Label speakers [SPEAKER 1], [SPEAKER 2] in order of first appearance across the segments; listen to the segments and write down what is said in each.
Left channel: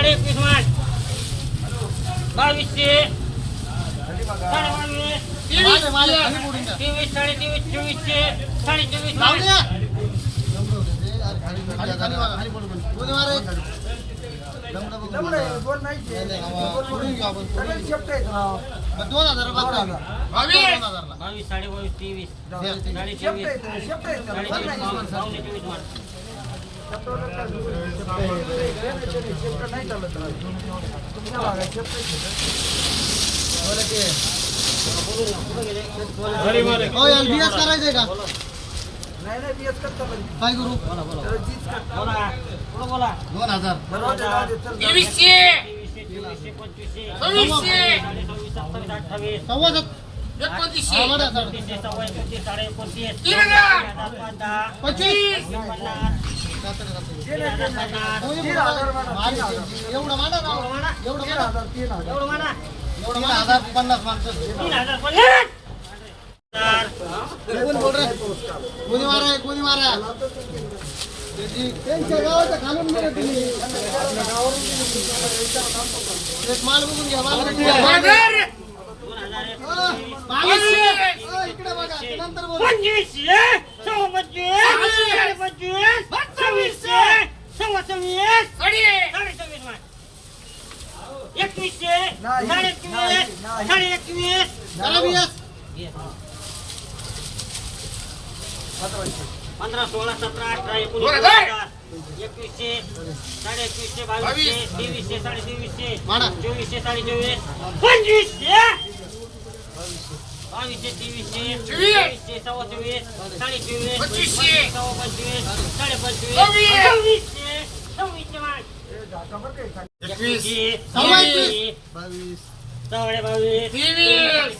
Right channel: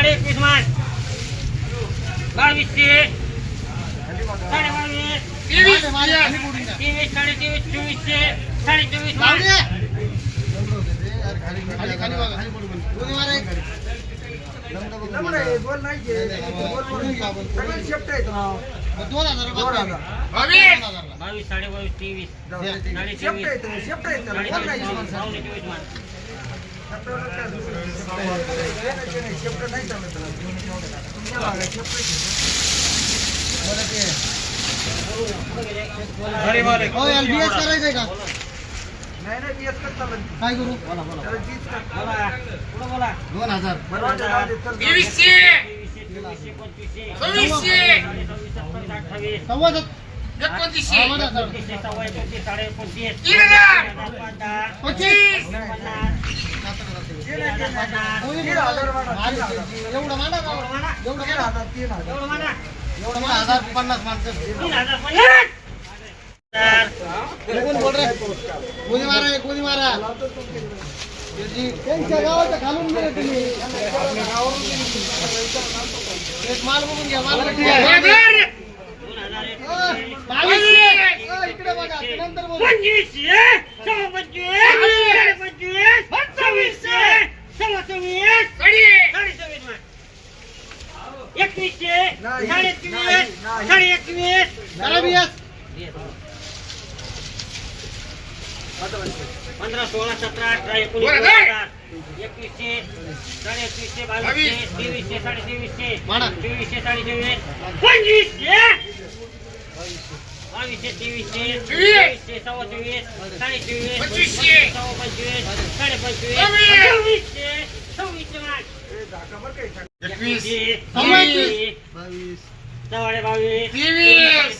[SPEAKER 1] साडे एकवीस मान बावीसशे. साडे बावीस तेवीस साडे तेवीस चोवीसशे साडे चोवीस
[SPEAKER 2] दोन हजार
[SPEAKER 1] बावीस. साडे बावीस तेवीस. साडे चोवीस साडे चोवीस पावणे चोवीस मान
[SPEAKER 2] हो यार बीएस करायचंय का? काय करू?
[SPEAKER 1] बोला बोला बोला
[SPEAKER 2] दोन हजार.
[SPEAKER 1] तेवीसशे चोवीसशे पंचवीसशे
[SPEAKER 2] सव्वा
[SPEAKER 3] एकोणतीसशे
[SPEAKER 1] साडे एकोणतीस
[SPEAKER 2] पच्चीस.
[SPEAKER 1] पन्नास
[SPEAKER 2] एवढं मांडा
[SPEAKER 1] एवढं
[SPEAKER 2] ना एवढं मांडा
[SPEAKER 1] एवढं
[SPEAKER 2] मांडा हजार पन्नास माणसं कोणी मारा कोणी मारा त्यांच्या गावात घालून दिलं तुम्ही माल बघून घ्या माल इकडे बघा नंतर बोलू
[SPEAKER 1] पंचवीस पंचवीस सव्वीसशे सव्वा सव्वीस
[SPEAKER 3] साडे
[SPEAKER 1] साडे सव्वीस मान एकवीसशे साडे एकवीस साडे एकवीस
[SPEAKER 2] चला बीएस
[SPEAKER 1] पंधरा सोळा सतरा अठरा एकोणीस
[SPEAKER 3] बरं,
[SPEAKER 1] वीस
[SPEAKER 3] काय?
[SPEAKER 1] हजार. एकवीसशे साडे एकवीसशे बावीसशे
[SPEAKER 3] बावीस.
[SPEAKER 1] तेवीसशे साडे तेवीसशे
[SPEAKER 2] म्हणा.
[SPEAKER 1] चोवीसशे साडे चोवीस पंचवीसशे बावीसशे तेवीसशे
[SPEAKER 3] चोवीस.
[SPEAKER 1] चोवीसशे सव्वा चोवीस साडे चोवीस
[SPEAKER 3] पंचवीसशे.
[SPEAKER 1] सव्वा पंचवीस साडे पंचवीस
[SPEAKER 3] सव्वीस.
[SPEAKER 1] सव्वीसशे सव्वीसशे मान
[SPEAKER 3] एकवीस
[SPEAKER 2] सव्वा
[SPEAKER 1] एकवीस.
[SPEAKER 2] एकवीस. बावीस
[SPEAKER 1] साडे बावीस.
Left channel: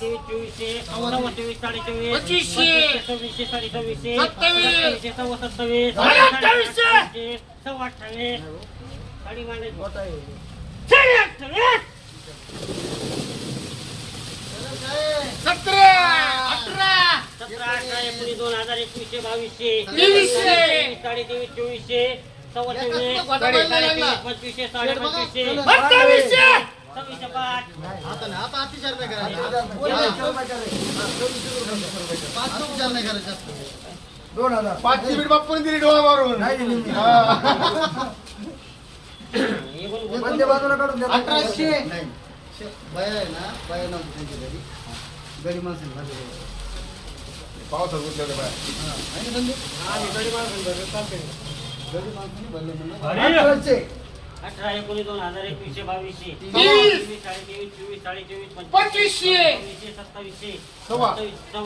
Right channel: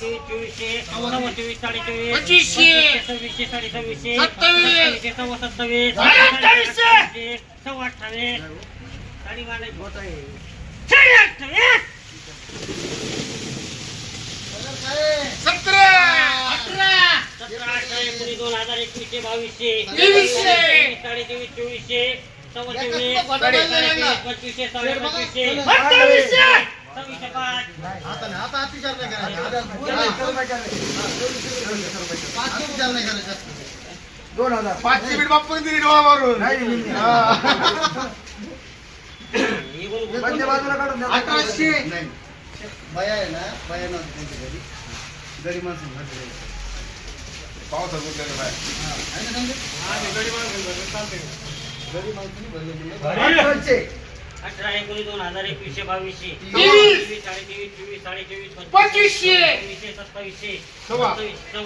[SPEAKER 1] चोवीसशे सव्वा चोवीस साडे चोवीस
[SPEAKER 3] पंचवीसशे.
[SPEAKER 1] सव्वीसशे साडे सव्वीसशे
[SPEAKER 3] सत्तावीस.
[SPEAKER 1] सत्तावीसशे सव्वा सत्तावीस. सव्वा अठ्ठावीस. साडी अठ्ठावीस
[SPEAKER 3] सतरा. अठरा.
[SPEAKER 1] सतरा अठरा एकोणीस दोन हजार एकवीसशे बावीसशे.
[SPEAKER 3] तेवीसशे.
[SPEAKER 1] तेवीस, साडे तेवीस चोवीसशे. पंचवीसशे साडे पंचवीसशे सव्वीसशे पाच.
[SPEAKER 2] आता आता अतिचार नाही करायचा.
[SPEAKER 4] दोन हजार.
[SPEAKER 3] पाचशे बीट बाप्पून दिली डोळा मारून.
[SPEAKER 2] अठराशे. नाही. बया आहे ना बया नव्हती त्यांची घरी. गरीब माणसं हा, आहे ना? गरीब म्हणले.
[SPEAKER 4] अठराशे.
[SPEAKER 1] अठरा एकोणीस दोन हजार एकवीसशे बावीसशे
[SPEAKER 3] तेवीस.
[SPEAKER 1] चोवीस साडे चोवीस
[SPEAKER 3] पंचवीसशे.
[SPEAKER 1] सत्तावीसशे. सत्तावीस, माल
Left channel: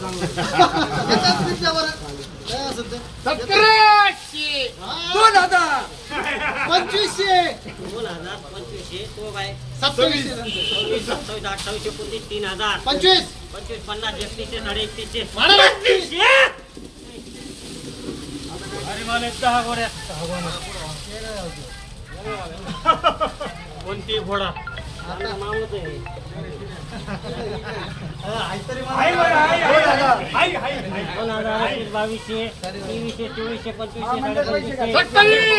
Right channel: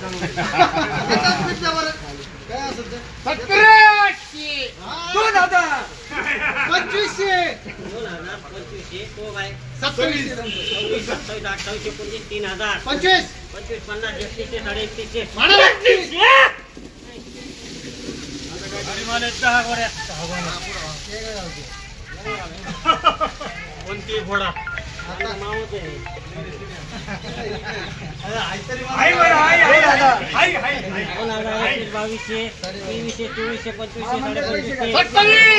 [SPEAKER 1] रुपये?
[SPEAKER 3] सतराशे
[SPEAKER 2] हा,
[SPEAKER 4] दोन हजार
[SPEAKER 2] पंचवीसशे
[SPEAKER 1] दोन हजार पंचवीसशे तो काय सत्तावीस अठ्ठावीस एकोणतीस तीन हजार
[SPEAKER 2] पंचवीस
[SPEAKER 1] पंचवीस पन्नास एकतीसशे साडे एकतीसशे दहा गोड्या कोणती घोडा मावत आहे दोन हजार बावीसशे तेवीसशे चोवीसशे पंचवीसशे पंचवीसशे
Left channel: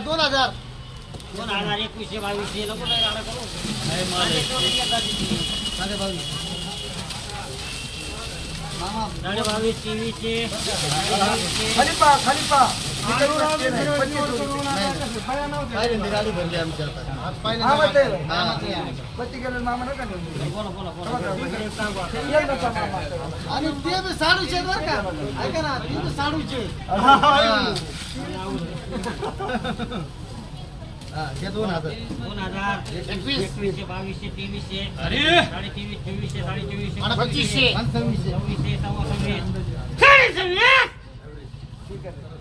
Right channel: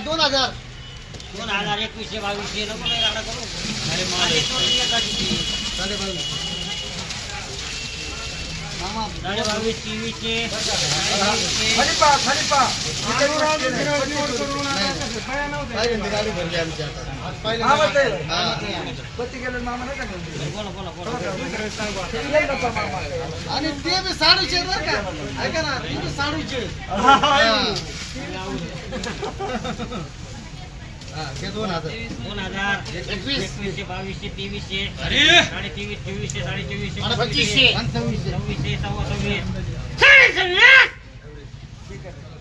[SPEAKER 2] दोन हजार.
[SPEAKER 1] दोन हजार एकवीसशे बावीसशे नको काही राडा करू अरे
[SPEAKER 2] साडे बावीस. मामा
[SPEAKER 1] साडे बावीस तेवीसशे
[SPEAKER 4] खाली पहा खाली ते.
[SPEAKER 2] हा. हा दोन हजार
[SPEAKER 1] दोन हजार
[SPEAKER 2] एकवीस.
[SPEAKER 1] एकवीसशे बावीसशे तेवीसशे साडे तेवीस चोवीसशे साडे चोवीसशे पंचवीसशे
[SPEAKER 2] पंचवीसशे
[SPEAKER 1] सव्वीसशे सव्वा सव्वीस
[SPEAKER 4] ठीक आहे